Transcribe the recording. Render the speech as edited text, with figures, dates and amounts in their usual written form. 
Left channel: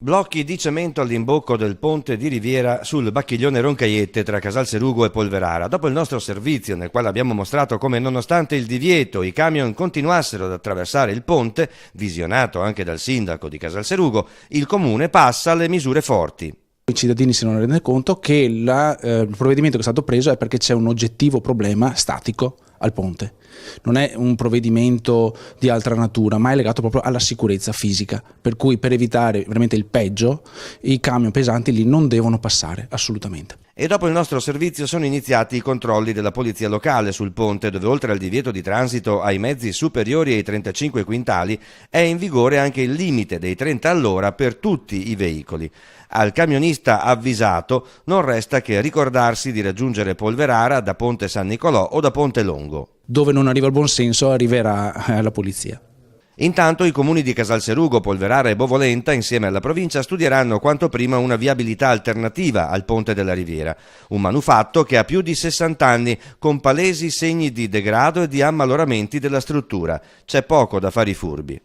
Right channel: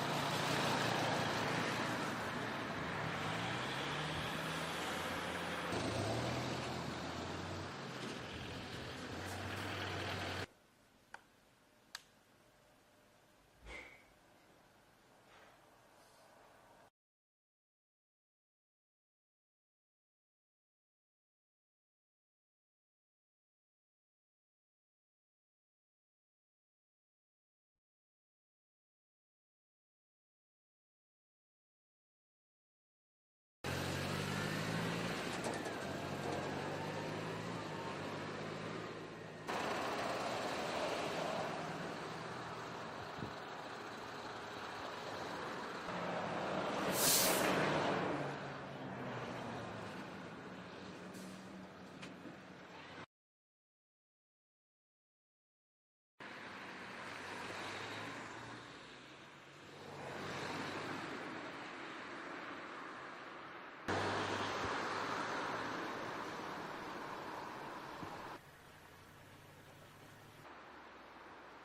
Blocchi di cemento all'imbocco del ponte di Riviera sul Bacchiglione Roncaiette tra Casalserugo e Polverara. Dopo il nostro servizio, nel quale abbiamo mostrato come nonostante il divieto i camion continuassero ad attraversare il ponte, visionato anche dal sindaco di Casalserugo, il comune passa alle misure forti. I cittadini si devono rendere conto che il provvedimento che è stato preso è perché c'è un oggettivo problema statico al ponte. Non è un provvedimento di altra natura, ma è legato proprio alla sicurezza fisica, per cui per evitare veramente il peggio i camion pesanti lì non devono passare assolutamente. E dopo il nostro servizio sono iniziati i controlli della polizia locale sul ponte, dove oltre al divieto di transito ai mezzi superiori ai 35 quintali è in vigore anche il limite dei 30 all'ora per tutti i veicoli. Al camionista avvisato non resta che ricordarsi di raggiungere Polverara da Ponte San Nicolò o da Ponte Longo. Dove non arriva il buonsenso arriverà la polizia. Intanto i comuni di Casalserugo, Polverara e Bovolenta, insieme alla provincia, studieranno quanto prima una viabilità alternativa al ponte della Riviera. Un manufatto che ha più di 60 anni, con palesi segni di degrado e di ammaloramenti della struttura. C'è poco da fare i furbi.